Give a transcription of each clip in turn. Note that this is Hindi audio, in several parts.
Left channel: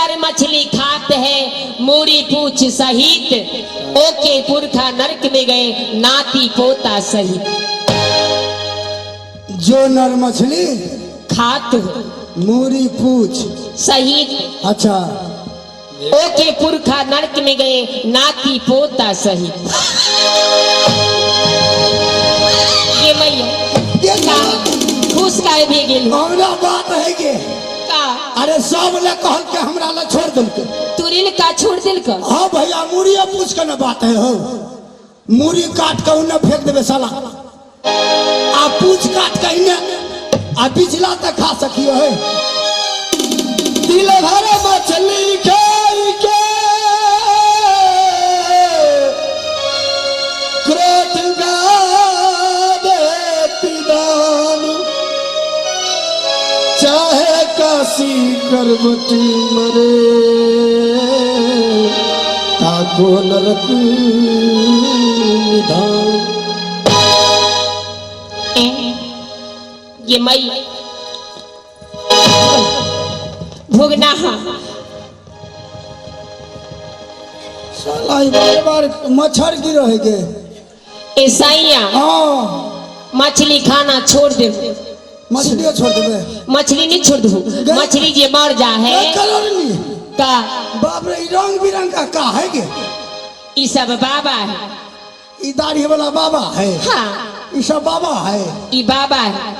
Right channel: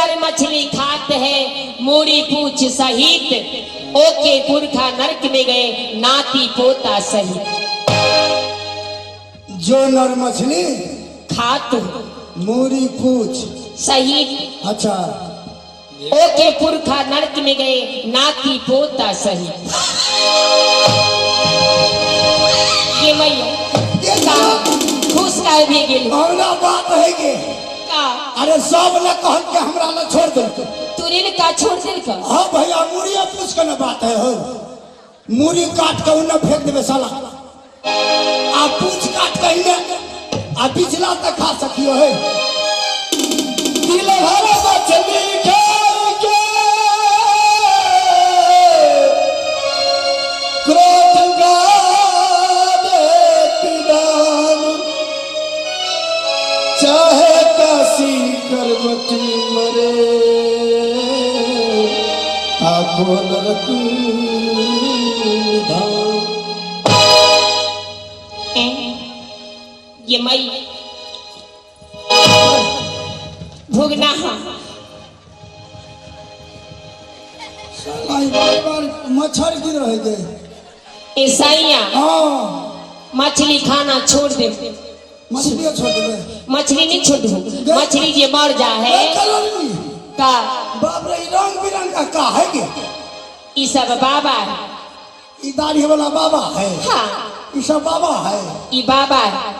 नर मछली खाते हैं मूड़ी पूछ सहित, ओके पुरखा नरक में गए नाती पोता सहित। जो नर मछली खात मूरी पूछ सहित, अच्छा ओके पुरखा नरक में गए नाती पोता सहित। ये मैया खुश काहे भी गेल औरा बात है के का? अरे सब ने कहल के हमरा ला छोड़ दिल के। तुरिन का छोड़ दिल का? हाँ भैया मूड़िया पूछ के ना बात है हो, मूड़ी काट के उन्हें फेंक देवे साला, आ पूछ काट के इन्हें आ बिचला तक खा सकियो है। दिल भरे मछली खाई के क्रोध गा देती दाम, चाहे काशी करवटी मरे ताको नरक निधान। ये मई भोगना साला बार बार मच्छर गिरो है के ईसाइया हाँ मछली खाना छोड़ दे। मछलियाँ छोड़ देवे, मछली नहीं छोड़ दू, मछली जे मर जा है का बाप रे रंग बिरंग का है के ई सब बाबा है, ई दाढ़ी वाला बाबा है, हाँ ई सब बाबा है, ई बाबा है,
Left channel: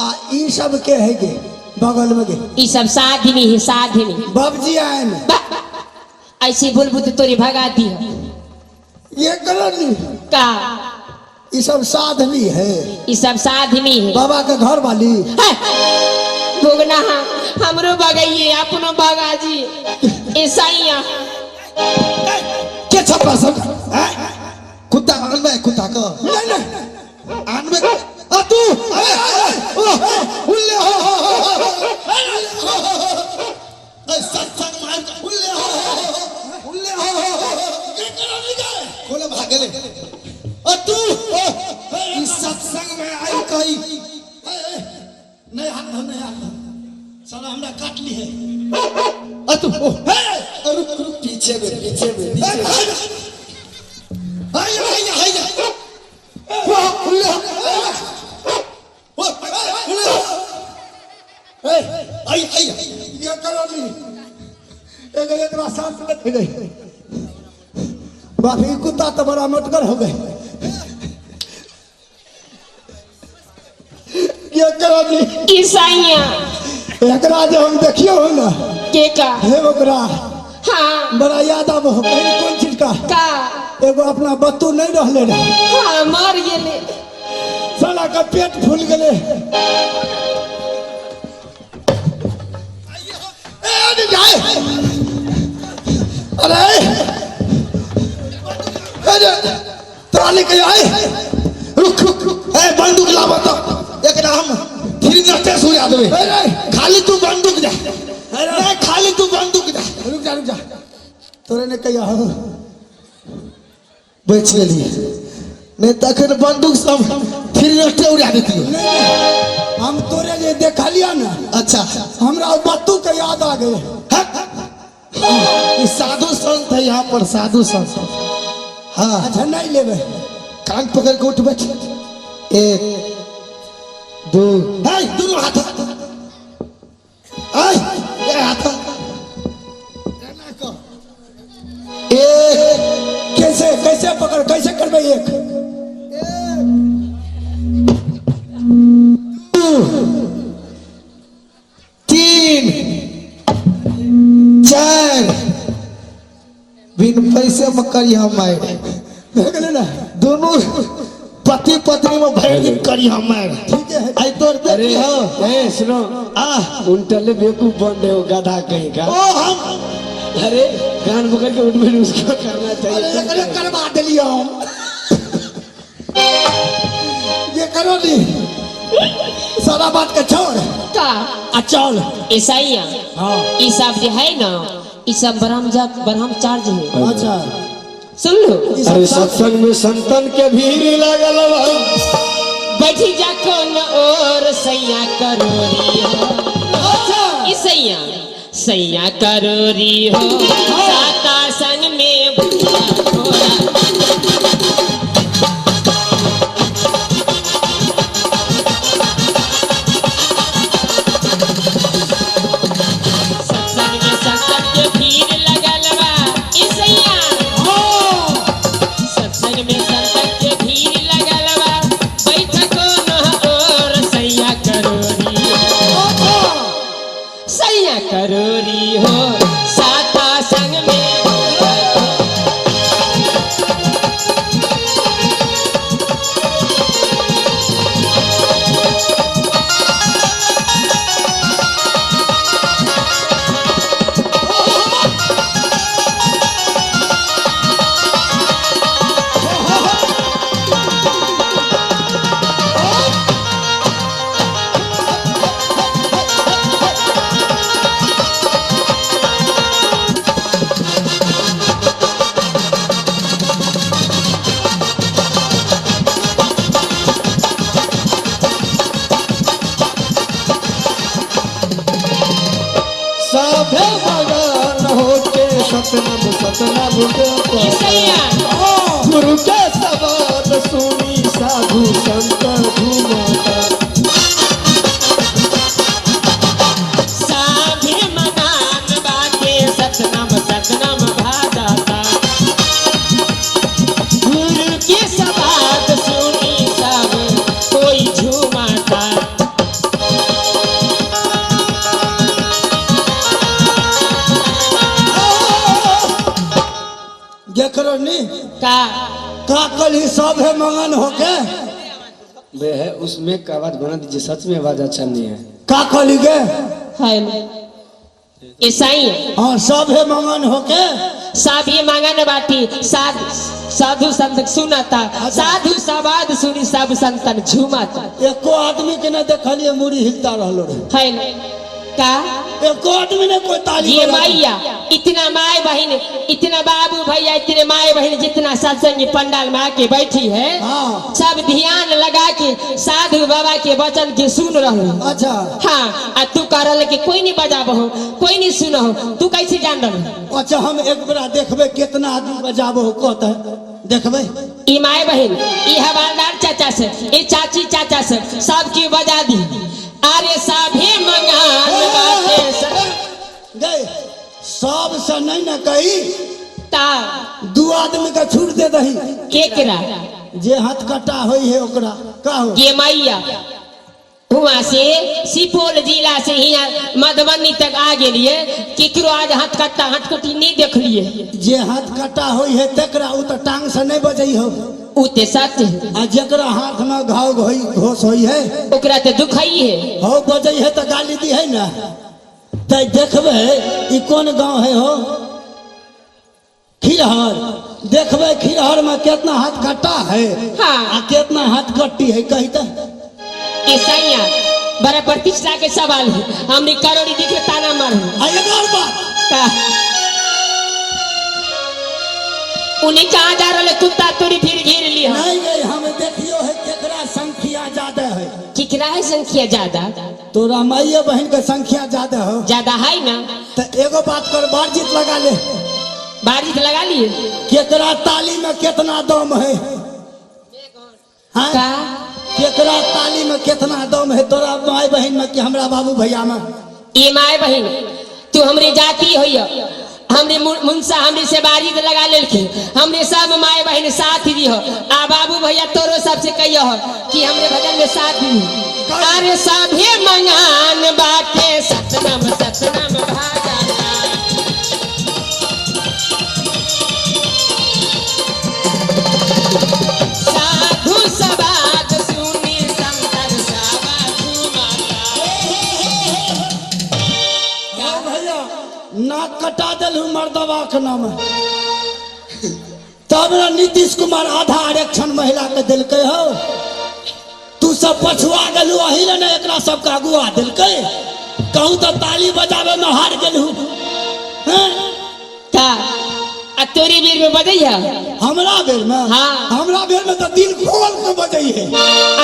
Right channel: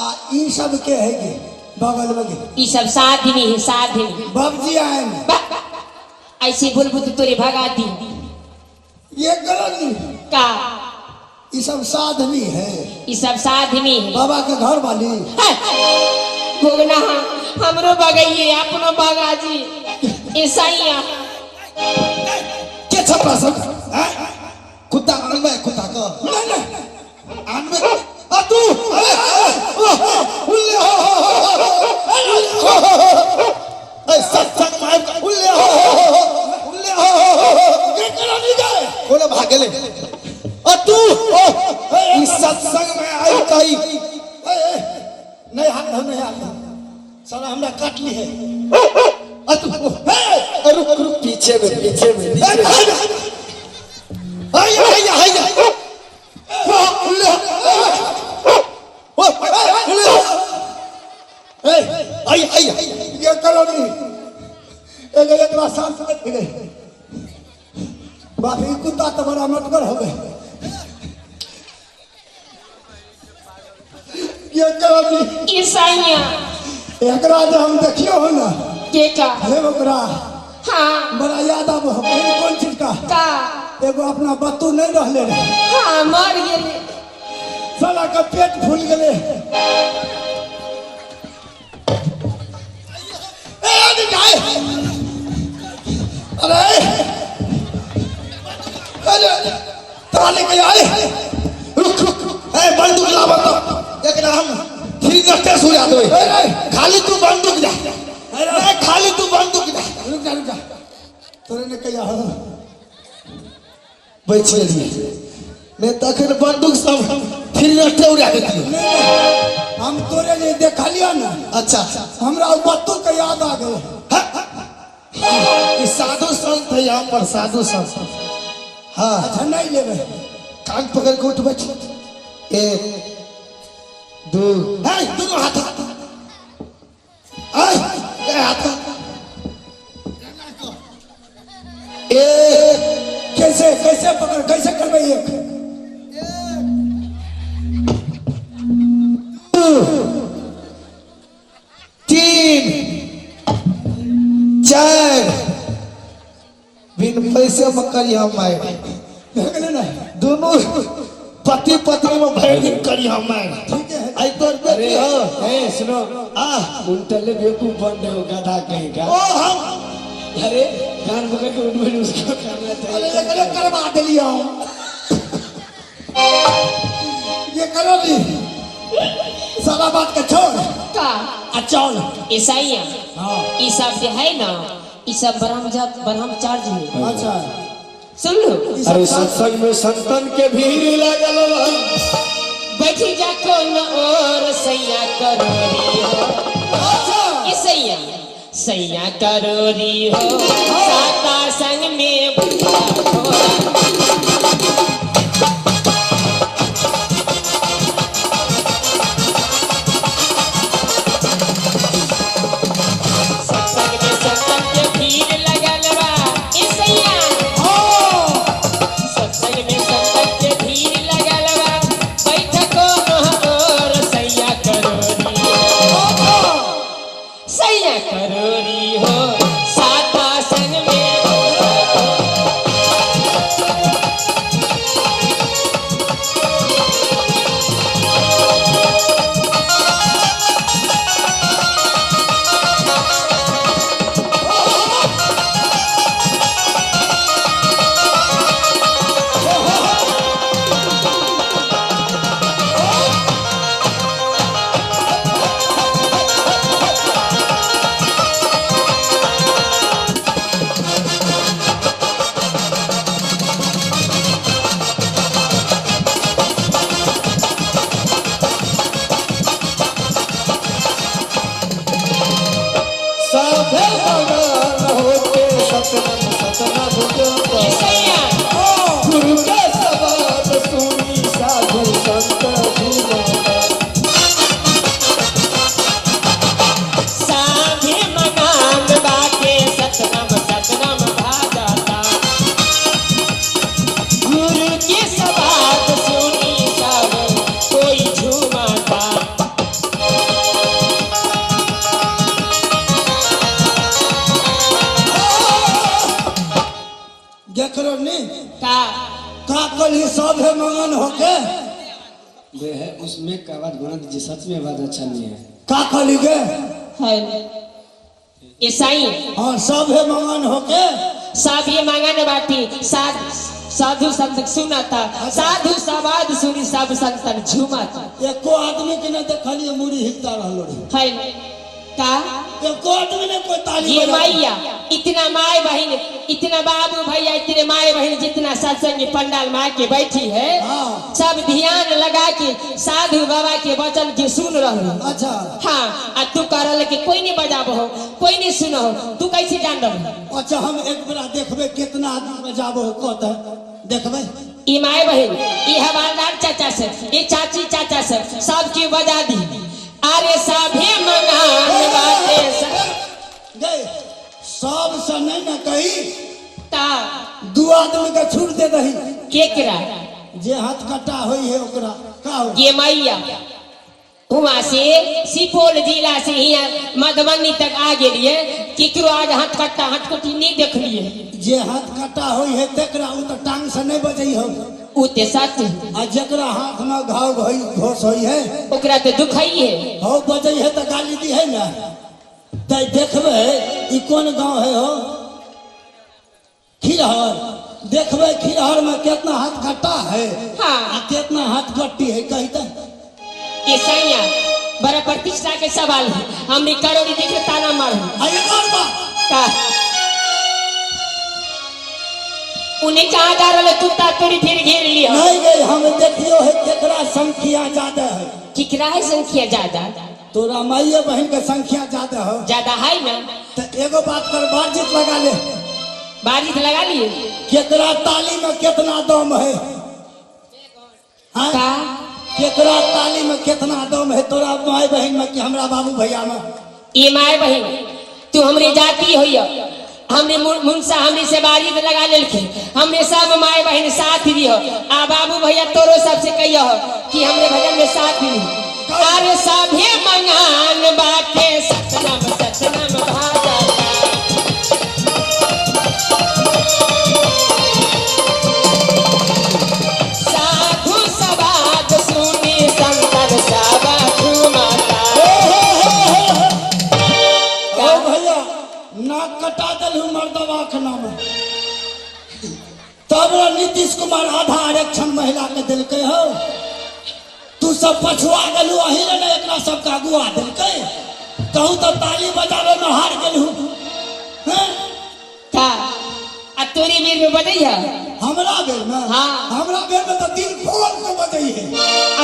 आ ई सब के है के बगल में के ई सब साधनी है साधनी। बाबजी आए में ऐसे बोलबू तो तोरे भगा दी ये गलत नहीं का? ये सब साधनी है, ई सब साधनी है बाबा के घर वाली। भोगना हमरो बगाइए अपनो बगा जी ईसाइया के छपरा सब कुत्ता आनबे कुत्ता को नहीं नहीं आनबे आ तू उल्ले ए सत्संग मार उल्ले ये करा नहीं गए बोले भागले आ तू इस सत्संग में आई कही नहीं हाथ साला हमरा काट ली है। आ तू रुक रुक पीछे में हाय उल्ले आई ये करो नहीं एक रास्ता से लग गए बाकी कुत्ता तो बड़ा मटकर हो गए। ये करो नहीं ईसाइया एकरा जो हम देखियो हो ना के का हे ओकरा हाँ बड़ा याद आब हो कौन चीज का का एगो अपना बत्तू नहीं रहले रहे, हाँ मर गेले साला का पेट फूल गले। अरे तोरा लेके आए रुक बंदूक लावा तो एकरा हम फिर नटे सुरा देबे खाली तू बंदूक दे नहीं खाली तू बंदूक दे रुक जा तोरे ने कहिया हो बच गेली नहीं तखन बंदूक सब फिर नटे उड़ा देती हो। नहीं हम तोरे ने देखा लिया ना, अच्छा हमरा वो बत्तू के याद आ गए। ये साधु संत है यहाँ पर साधु संत। हाँ अच्छा नहीं लेवे कान पकड़ के उठ बैठ एक दो दोनों हाथ हाथ एक कैसे पकड़ कैसे करबे एक तीन चार बिन पैसे में करिया मार ना दोनों पति पत्नी में भाई दिन करिया मार। ठीक है आई तोर बेटी हो ए सुनो उल्टले बेवकूफ बन रहे हो गधा कहीं का। ओ हम अरे कान पकड़ के उठ बैठ उसको करना अरे चाहिए। ये करवा दिलिया ये करो दी सारा बात का छोड़ का चल ईसाइया हाँ ई सब जो है ना ई सब ब्रह्मचार्य है, अच्छा सुन लो। अरे सत्संग में संतन के भीड़ लागल बा। बैठी जा कौन और सैया करो अच्छा ईसैया सैया करोरी हो साता संग में भुआ घोड़ा। सत्संग में संतन के भीड़ लगल बा ए सैया। सत्संग में संतन के भीड़ लगल बा बैठको नहकोर सैया करोरी हो। सैया करोरी हो साता संग में भुआ घोड़ा। साधे मगन होके सतनम सतनम ए जपा। सैया गुरु के सवाद सुनी साधु संत झूमता। साधे मगान बाके सतनम सतनम भाजाता। गुरु के सवाद सुनी सब कोई झूमाता। देख रहो नी का का कल ही सब है मगन होके वे है उसमें का आवाज बना दीजिए, सच में आवाज अच्छा नहीं है। का कली गे है ईसाई हाँ सब है मगन होके सब ये मांगन बाटी साधु संत सुनाता। साधु सवाद सुनी सब संतन झूमाता। एको आदमी के न देखलिए मुड़ी हिलता रहलो रे। है का एको आदमी ने कोई ताली ये बजा दी। मैया इतना माए बहन इतना बाबू भैया इतने माए बहन जितना सत्संग पंडाल में आके बैठी है हाँ सब ध्यान लगा के साधु बाबा के वचन के सुन रहो। अच्छा हाँ आ तू कह रहा कि कोई नहीं बजाब हो कोई नहीं सुनो हो तू कैसे जान रहो। अच्छा हम एक बार देखबे कितना आदमी बजाबो कहता है देखबे। ई माए बहन ई हवालदार चाचा से ई चाची चाचा से सबकी बजा दी। अरे सभे मंगान बाटे गए सब से नहीं न कही ता दू आदमी का छूट दे दही केकरा जे हाथ कटा होई है ओकरा का हो। ये मैया वहाँ से सुपौल जिला से यहाँ मधुबनी तक आ गेलिए केकरो आज हाथ कट्टा हटकटी नहीं देख लिए। जे हाथ कटा होई है तेकरा उ तो टांग से नहीं बजई हो उ ते सच है। आ जेकरा हाथ में घाव होई घोष होई है ओकरा ते दुखई है। हो बजई है तो गाली दी है ना। तै देखबे ई कौन गांव है हो खिरहर देखबे खिरहर में कितना हाथ कटा है हाँ आ कितना हाथ कट्टी है कहते ये सैया बड़ा प्रतिष्ठा के सवाल है। हमने करोड़ी देख ताना मार आ एक और बात का उन्हें कहा जा रहा कुत्ता तोड़ी फिर घेर लिया। नहीं गई हम देखियो है केकरा संख्या ज्यादा है किकरा है संख्या ज्यादा तोरा माइये बहन के संख्या ज्यादा हो ज्यादा है ना तो एगो बात कर बातचीत लगा ले बारिश लगा लिए केकरा ताली में कितना दम है हाँ? का केकरा ताली में कितना दम है तोरा माई बहन में कि हमरा बाबू भैया में। ये माए बहन तू हमरे जाती हो हमने मुंसा हमरे से बारिश लगा लेलखिन हमरे सब माए बहन साथ दी हो आ बाबू भैया तोरो सबसे कहियो हो कि हमरे भजन में साथ दी। अरे सभे मंगान बाटे सतनम सतनम भाजाता। साधु सवाद सुनी संतन सब झूमता। ओ भैया नाक कटा दिलू मर्दवा के नाम तब ना नीतीश कुमार आधा आरक्षण महिला के दिलके हो तू सब पछुआ गलू अही ने एकरा सब का अगुआ दिलके कहूँ तो ताली बजावे में हार गलू हैं का आ तोरी बीर में बजैया हमरा बेर में हाँ। हमरा बेर में तो दिल खोल के बजई है।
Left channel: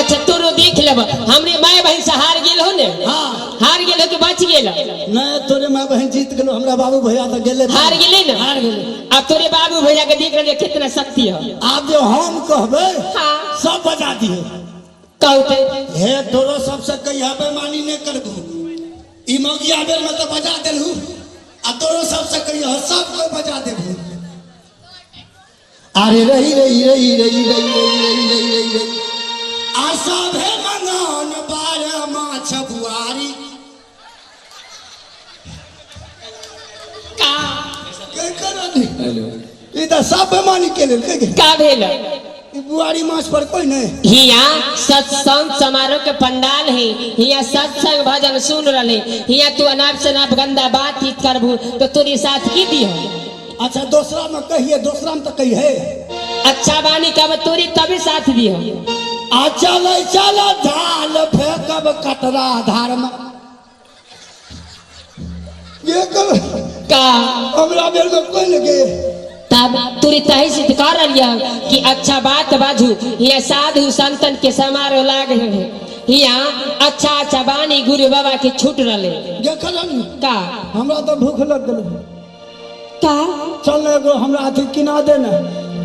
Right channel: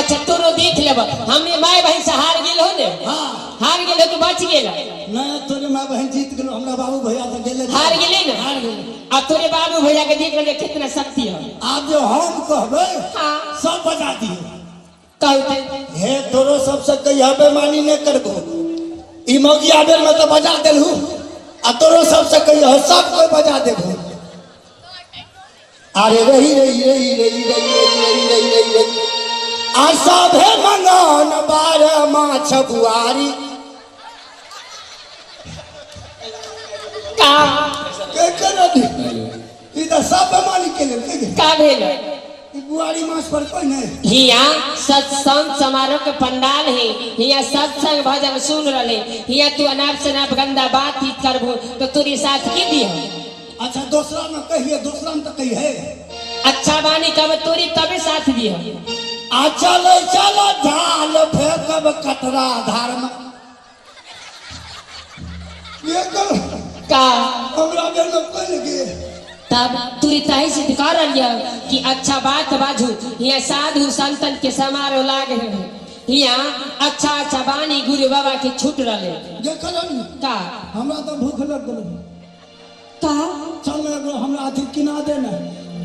अच्छा तोरो देख लेब हमरे माय बहन से हार गेल हो ने। हाँ हार गेल हो कि बच गेल। नहीं तोरे माँ बहन जीत गेलो, हमरा बाबू भैया तो गेले हार गेले ना। हार गेले। अब तोरे बाबू भैया के देख रहे कितना शक्ति है। आप जो हम कहबे हाँ। सब बजा दिए। कहते हे तोरो सबसे कहिया बेमानी नहीं करबो, ई मौगिया बेर में तो बजा देलहू, आ तोरो सबसे कहिया सब कोई बजा देबो। अरे रही रही रही रही रही रही रही रही रही रही आ सभे मंगन बार माछ बुआरी का के करनी ई तो सब बेमानी के लेल के का भेल। ई बुआरी माछ पर कोई नहीं। हिया सत्संग समारोह के पंडाल है, हिया सत्संग भजन सुन रहे, हिया तू अनाप शनाप गंदा बात ही करबू तो तोरी साथ की दी है। अच्छा दूसरा में कहिए, दूसरा में तो कही है अच्छा बानी कब तोरी तभी साथ दी है। आ चल चल ढाल फेंकब कटरा धार में ये कर का हमरा बेर में कोई लगे तब तोरी तही से कर रही कि अच्छा बात बाजू। हिया साधु संतन के समारोह लागे है, हिया अच्छा अच्छा बानी गुरु बाबा के छूट रहे देखलन का। हमरा तो भूख लग गेल का चल एगो हमरा अथी किना दे ना।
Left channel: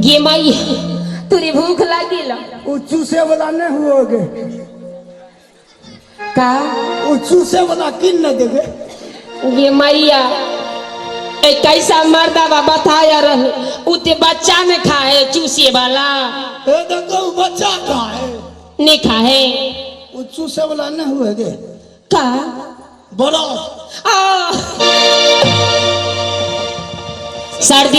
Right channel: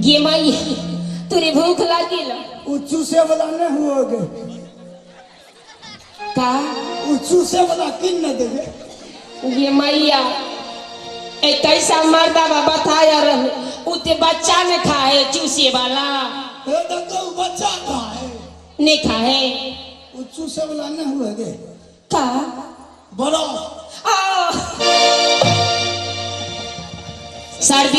गे माई तोरी भूख लागिल उ चूसे वाला नहीं हुओगे का। उ चूसे वाला किन न देगे। गे मैया एक कैसा मर्दा बा बताया रहे उते बच्चा में खाए चूसे वाला ए देखो बच्चा का है नहीं खाए उ चूसे वाला नहीं हुएगे का। बड़ा आ सर्दी